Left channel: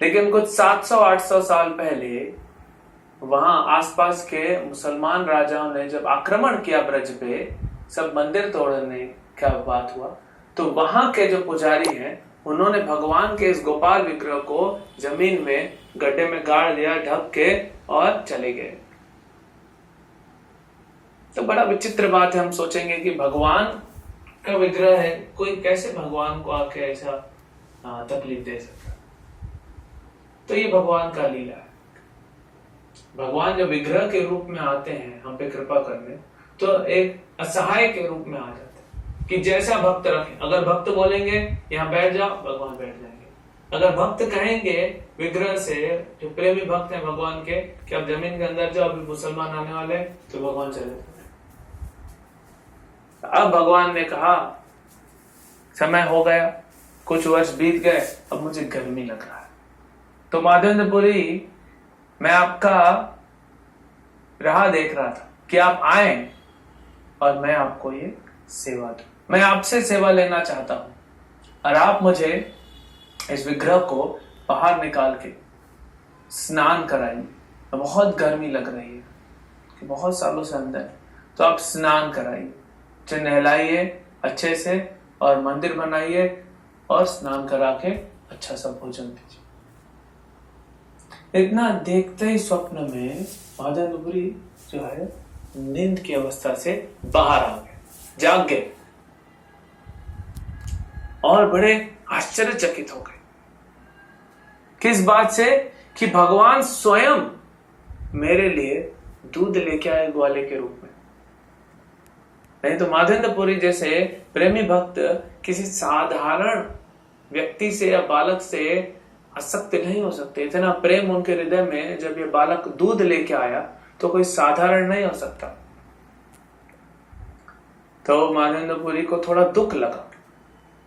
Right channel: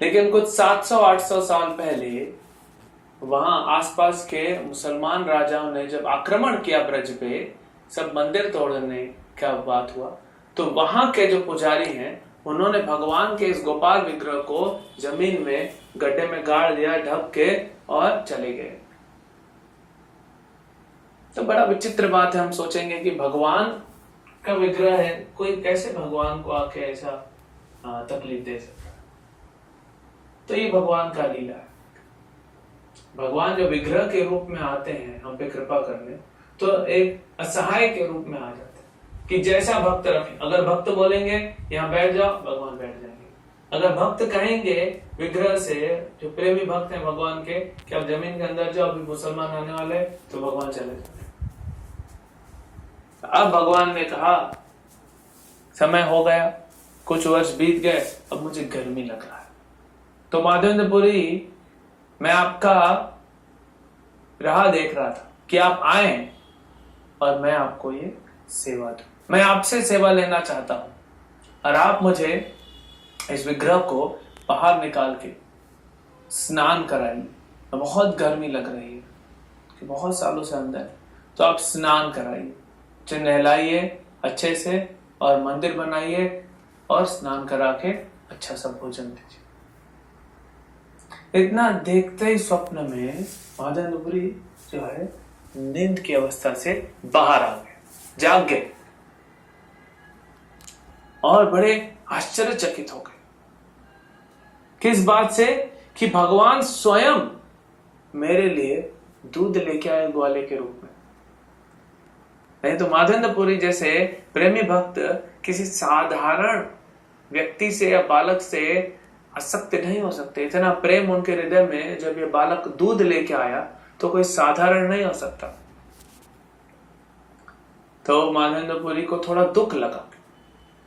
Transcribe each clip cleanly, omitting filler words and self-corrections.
लेकिन कुछ 700-800 साल पहले वहां आसपास के मुसलमान राजाओं ने जब आक्रमण किया ब्रज पे, सब मंदिर तोड़ने का बात हुआ, तो वहां के जो पुजारी हैं उन्होंने भगवान के इस गोपाल विग्रह को जमीन में गड्ढे में गाड़ दिया, ढक के, और चले गए। तो बड़ा विचित्र बात है, हम सोचेंगे कि भगवान का विग्रह है, कोई कैसे भगवान को आके ऐसा तकलीफ दे सकता। तो ये भगवान का लीला है। भगवान जब विग्रह के रूप में आते हैं हम पे कृपा करने, तो एक असहाय के रूप में आ जाते हैं कि जैसा भक्त रखे। अगर भक्त बोलेंगे यहाँ बैठ जाओ, भगवान बैठ जाएंगे। अगर भक्त कहेंगे विग्रह से, जो प्रेमी भक्त हैं भगवान के, कि अब जमीन के अंदर जाओ, अभी मुसलमान आने वाले, तो भगवान चले जाते। अब भगवान ने कहा समय हो गया, कुछ वर्ष बीत गए, अब मुझे गर्मी लग रहा है, तो माधवेंद्रपुरी मैं आपका राह देख रहा था कि आप आए और मैं आपको ये सेवा दूं। मैं आपसे सेवा लेना चाहता हूं और आप मुझे इस विग्रह को बाहर निकाल के स्नान कराइए। बहुत गर्मी लग रही है कि बहुत सालों से अंदर, तो आप स्नान कराइए, उसे नहलाइए अच्छे से और मंदिर बनाइए और स्नान करा के अच्छा सा भोजन दीजिए। इतना देखते ही स्वप्न में माधवेंद्रपुरी जो है नींद की अवस्था से बाहर आ गए, जाग गए और बड़े आश्चर्यचकित हो गए। किस बात से? कि भगवान स्वयं मेरे लिए दूध लेके आए ग्वाले के रूप में। नहीं तो माधवेंद्रपुरी जैसे प्रेमी भक्त किसी साधारण व्यक्ति से या बालक से आसक्त नहीं हो सकते। इतना प्रेम उनके हृदय में जब ये बालक दूध लेके आया तो कोई साधारण नहीं हो सकता। तो माधवेंद्रपुरी को थोड़ा दुख लगा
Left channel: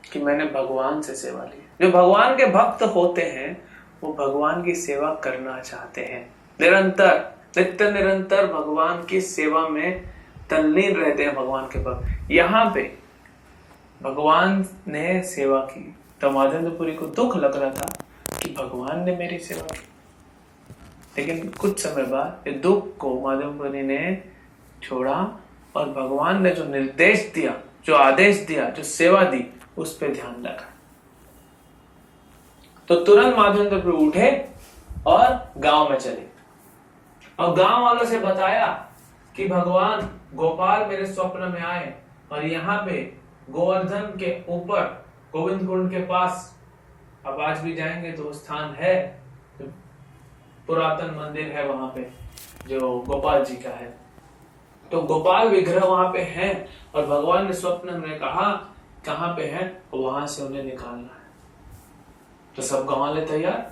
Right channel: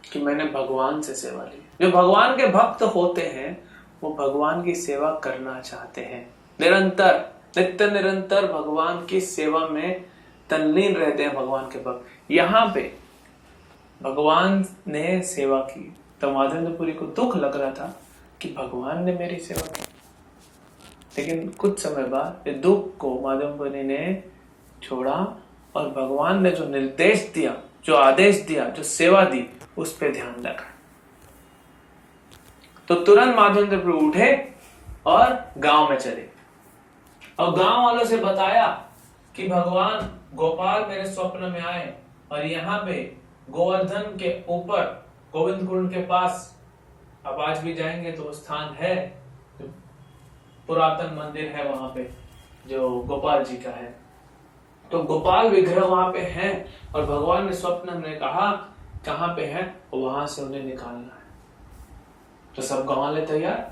कि मैंने भगवान से सेवा ली। जो भगवान के भक्त होते हैं वो भगवान की सेवा करना चाहते हैं, निरंतर नित्य निरंतर भगवान की सेवा में तल्लीन रहते हैं भगवान के भक्त। यहाँ पे भगवान ने सेवा की तो माधवेंद्रपुरी को दुख लग रहा था कि भगवान ने मेरी सेवा की। लेकिन कुछ समय बाद ये दुख को माधवेंद्रपुरी ने छोड़ा और भगवान ने जो निर्देश दिया, जो आदेश दिया, जो सेवा दी, उस पे ध्यान लगा। तो तुरंत माधवेंद्रपुरी उठे और गांव में चले और गांव वालों से बताया कि भगवान गोपाल मेरे स्वप्न में आए और यहाँ पे गोवर्धन के ऊपर गोविंद कुंड के पास, अब आज भी जाएंगे तो स्थान है, पुरातन मंदिर है वहां पे जो गोपाल जी का है। तो गोपाल विग्रह वहां पे है और भगवान ने स्वप्न में कहा कहां पे है, वहां से उन्हें निकालना है। तो सब गांव वाले तैयार,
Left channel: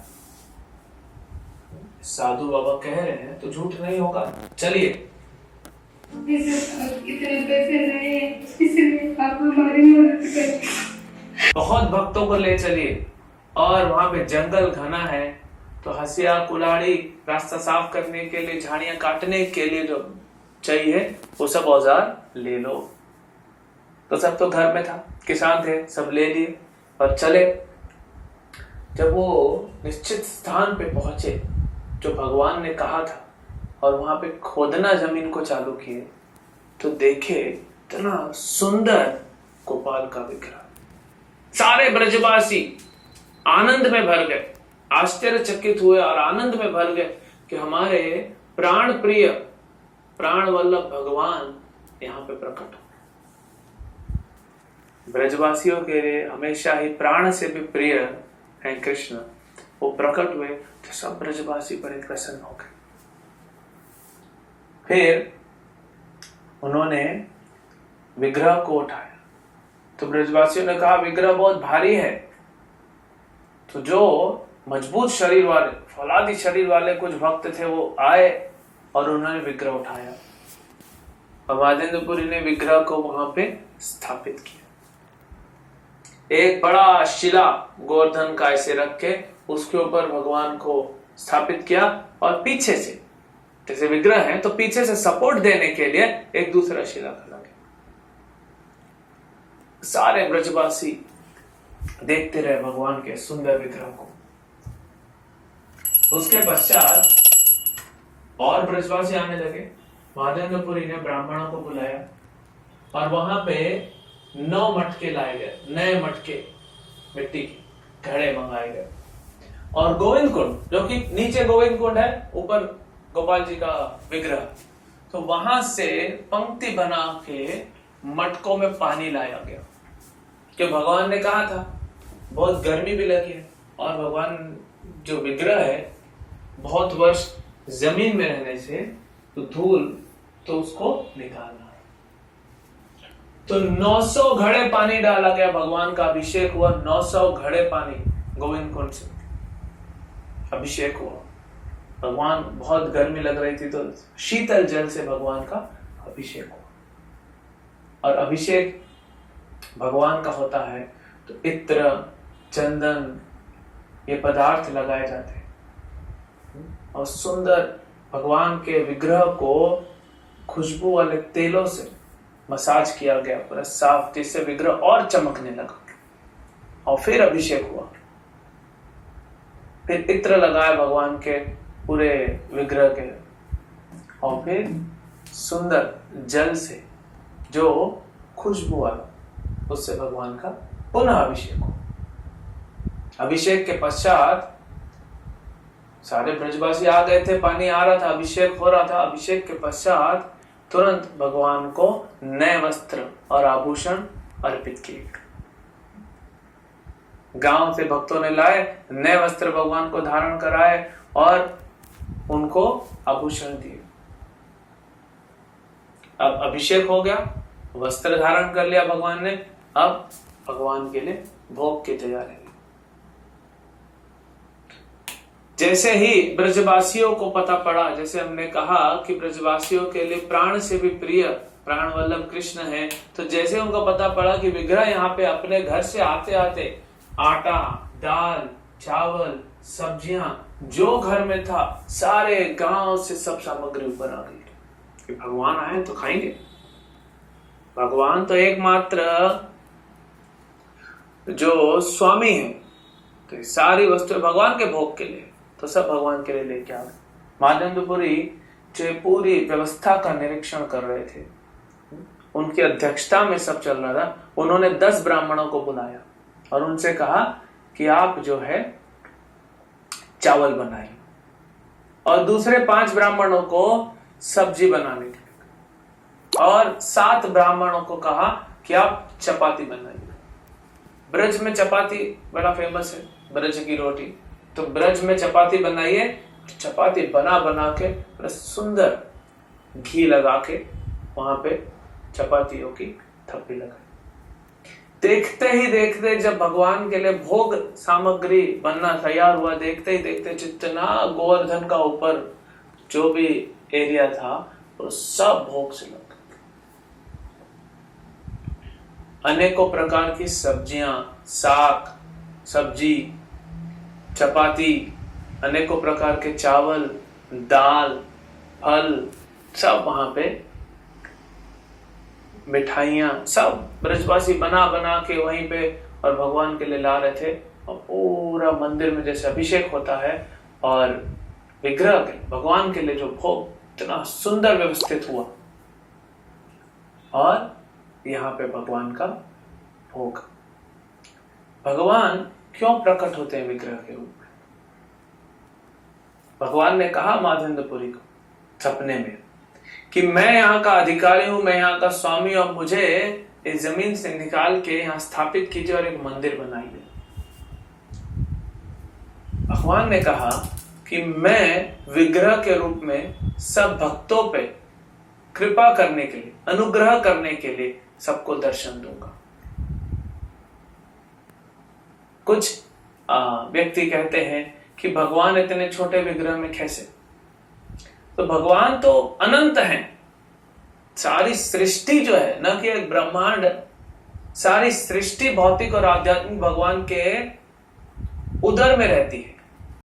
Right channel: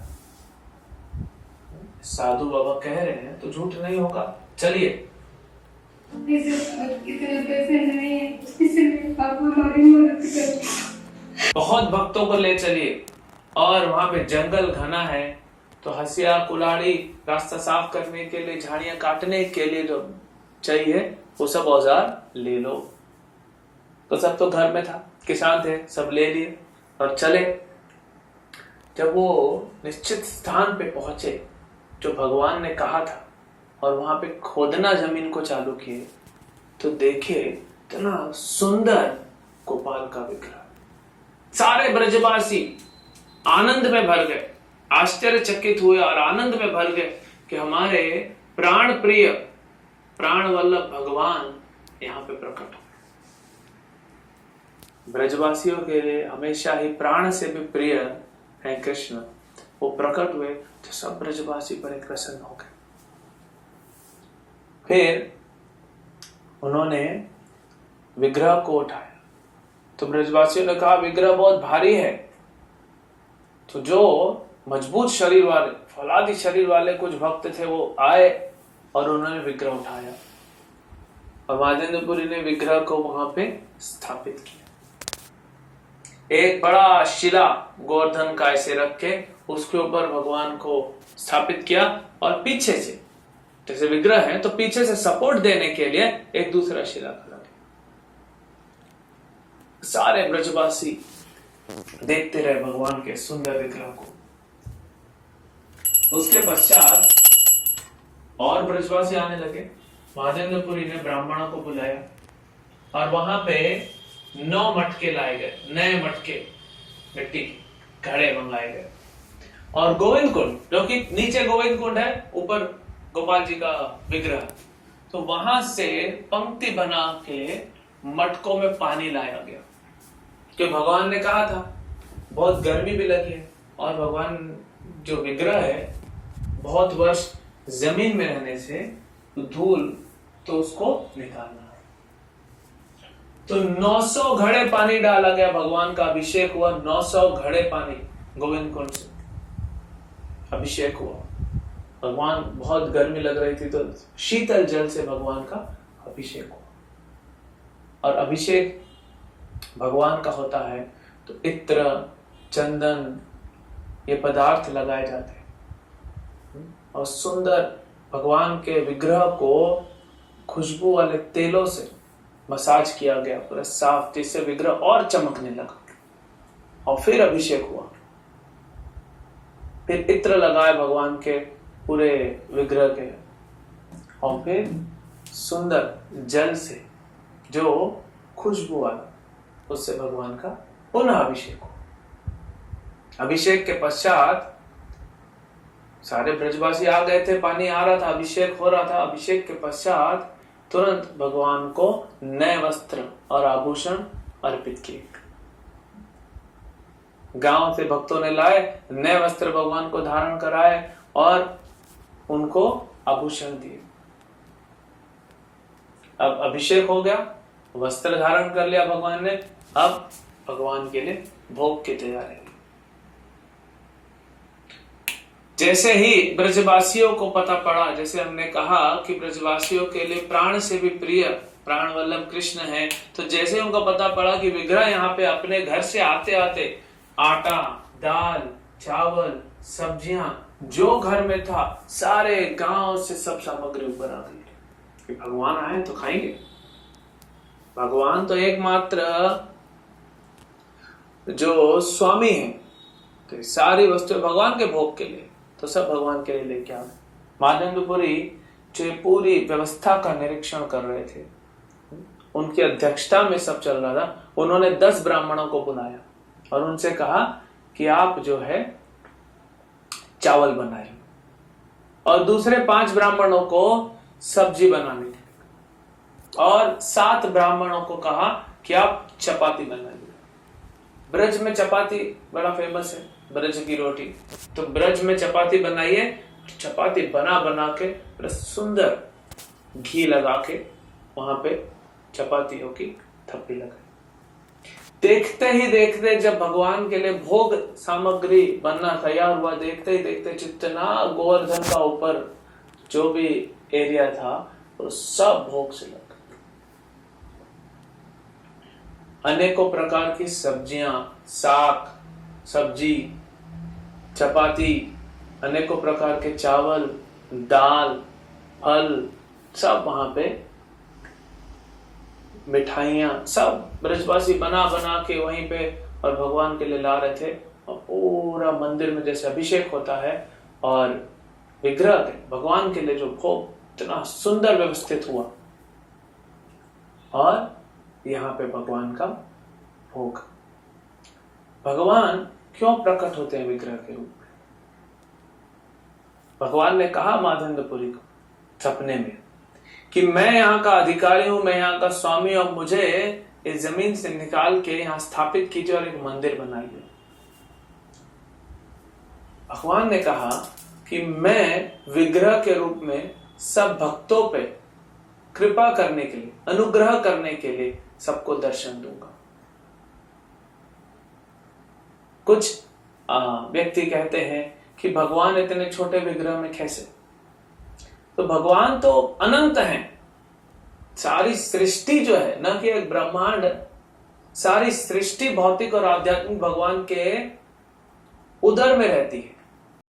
साधु बाबा कह रहे हैं तो झूठ नहीं होगा, चलिए। इतने पैसे नहीं, इसलिए आप हमारी मदद करें। बहुत भक्तों को ले चलिए और वहां पे जंगल घना है, तो हंसिया कुल्हाड़ी रास्ता साफ करने के लिए, झाड़ियां काटने के लिए जो चाहिए वो सब औजार ले लो। तो सब तो घर में था, किसान थे, सब ले लिए और चले। जब वो निश्चित स्थान पे पहुंचे जो भगवान ने कहा था और वहां पे खोदना जमीन को चालू किए, तो देखे इतना सुंदर गोपाल का विग्रह। सारे ब्रजवासी आनंद में भर गए, आश्चर्यचकित हुए और आनंद में भर गए कि हमारे प्राण प्रिय, प्राण वल्लभ भगवान यहाँ पे प्रकट हो। ब्रजवासियों के लिए हमेशा ही प्राण से भी प्रिय है कृष्ण, वो प्रकट हुए तो सब ब्रजवासी बड़े प्रसन्न हो गए। फिर उन्होंने विग्रह को उठाया तो ब्रजवासियों ने कहा विग्रह बहुत भारी है। तो जो मजबूत शरीर वाले, फौलादी शरीर वाले कुछ भक्त थे वो आए और उन्होंने विग्रह उठाया और माधवेंद्रपुरी ने विग्रह को वहां पे स्थापित किया। एक बड़ा शिला गोवर्धन का ऐसे रख के उसके ऊपर भगवान को स्थापित किया और पीछे से, जैसे विग्रह है तो पीछे से सपोर्ट देने के लिए एक दूसरा शिला खड़ा किया। सारे ब्रजवासी देखते रहे भगवान के सुंदर विग्रह को। उसके पश्चात और ब्रजवासी आने लगे। माधवेंद्रपुरी ने ब्राह्मणों को बुलाया और वहां पे 9 मटके लाए गए, नए मटके मिट्टी के घड़े मंगाए गए। और गोविंद कुंड, जो कि नीचे गोविंद कुंड है, ऊपर गोपाल जी का विग्रह, तो वहां से पंक्ति बना के मटकों में पानी लाया गया। कि भगवान ने कहा था बहुत गर्मी भी लगी है और भगवान जो विग्रह है बहुत वर्ष जमीन में रहने से तो धूल तो उसको निकालना है। तो 900 घड़े पानी डाला गया, भगवान का अभिषेक हुआ। 900 घड़े पानी गोविंद कुंड से अभिषेक हुआ। भगवान, बहुत गर्मी लग रही थी तो शीतल जल से भगवान का अभिषेक हुआ। और अभिषेक भगवान का होता है तो इत्र, चंदन, ये पदार्थ लगाए जाते हैं और सुंदर भगवान के विग्रह को खुशबू वाले तेलों से मसाज किया गया पूरा साफ, जिससे विग्रह और चमकने लगा। और फिर अभिषेक हुआ, फिर इत्र लगाए भगवान के पूरे विग्रह के, और फिर सुंदर जल से जो खुशबू वाला, उससे भगवान का पुनः अभिषेक हुआ। अभिषेक के पश्चात सारे ब्रजवासी आ गए थे, पानी आ रहा था, अभिषेक हो रहा था। अभिषेक के पश्चात तुरंत भगवान को नए वस्त्र और आभूषण अर्पित किए। गांव से भक्तों ने लाए नए वस्त्र, भगवान को धारण कराए और उनको आभूषण दिए। अब अभिषेक हो गया, वस्त्र धारण कर लिया भगवान ने, अब भगवान के लिए भोग की तैयारी। जैसे ही ब्रजवासियों को पता पड़ा, जैसे हमने कहा कि ब्रजवासियों के लिए प्राण से भी प्रिय प्राण वल्लभ कृष्ण है, तो जैसे उनको पता पड़ा कि विग्रह यहाँ पे अपने घर से आते आते आटा, दाल, चावल, सब्जियां जो घर में था सारे गांव से सब सामग्री ऊपर आ गई कि भगवान आए तो खाएंगे। भगवान तो एकमात्र जो स्वामी है, तो सारी वस्तुएं भगवान के भोग के लिए, तो सब भगवान के लिए लेके आ गए। माधवेंद्रपुरी जो पूरी व्यवस्था का निरीक्षण कर रहे थे, उनकी अध्यक्षता में सब चल रहा था। उन्होंने 10 ब्राह्मणों को बुलाया और उनसे कहा कि आप जो है चावल बनाइए, और दूसरे 5 ब्राह्मणों को सब्जी बनाने के, और 7 ब्राह्मणों को कहा कि आप चपाती बनाइए। ब्रज में चपाती बड़ा फेमस है, ब्रज की रोटी, तो ब्रज में चपाती बनाइए। चपाती बना बना के बड़ा सुंदर घी लगा के वहां पे चपातियों की थप्पी लगाई। देखते ही देखते जब भगवान के लिए भोग सामग्री बनना तैयार हुआ, देखते ही देखते जितना गोवर्धन का ऊपर जो भी एरिया था वो सब भोग से लग गया। अनेकों प्रकार की सब्जियां, साग, सब्जी, चपाती, अनेकों प्रकार के चावल, दाल, फल, सब वहां पे मिठाइयां, सब ब्रजवासी बना बना के वहीं पे और भगवान के लिए ला रहे थे। और पूरा मंदिर में जैसे अभिषेक होता है और विग्रह के भगवान के लिए जो भोग इतना सुंदर व्यवस्थित हुआ, और यहाँ पे भगवान का भोग। भगवान क्यों प्रकट होते हैं विग्रह के रूप में? भगवान ने कहा माधवेंद्रपुरी को सपने में कि मैं यहाँ का अधिकारी हूं, मैं यहाँ का स्वामी, और मुझे इस जमीन से निकाल के यहाँ स्थापित कीजिए और एक मंदिर बनाइए। भगवान ने कहा कि मैं विग्रह के रूप में सब भक्तों पे कृपा करने के लिए, अनुग्रह करने के लिए सबको दर्शन दूंगा। कुछ व्यक्ति कहते हैं कि भगवान इतने छोटे विग्रह में कैसे? तो भगवान तो अनंत हैं। सारी सृष्टि जो है, न कि एक ब्रह्मांड, सारी सृष्टि भौतिक और आध्यात्मिक भगवान के उदर में रहती है।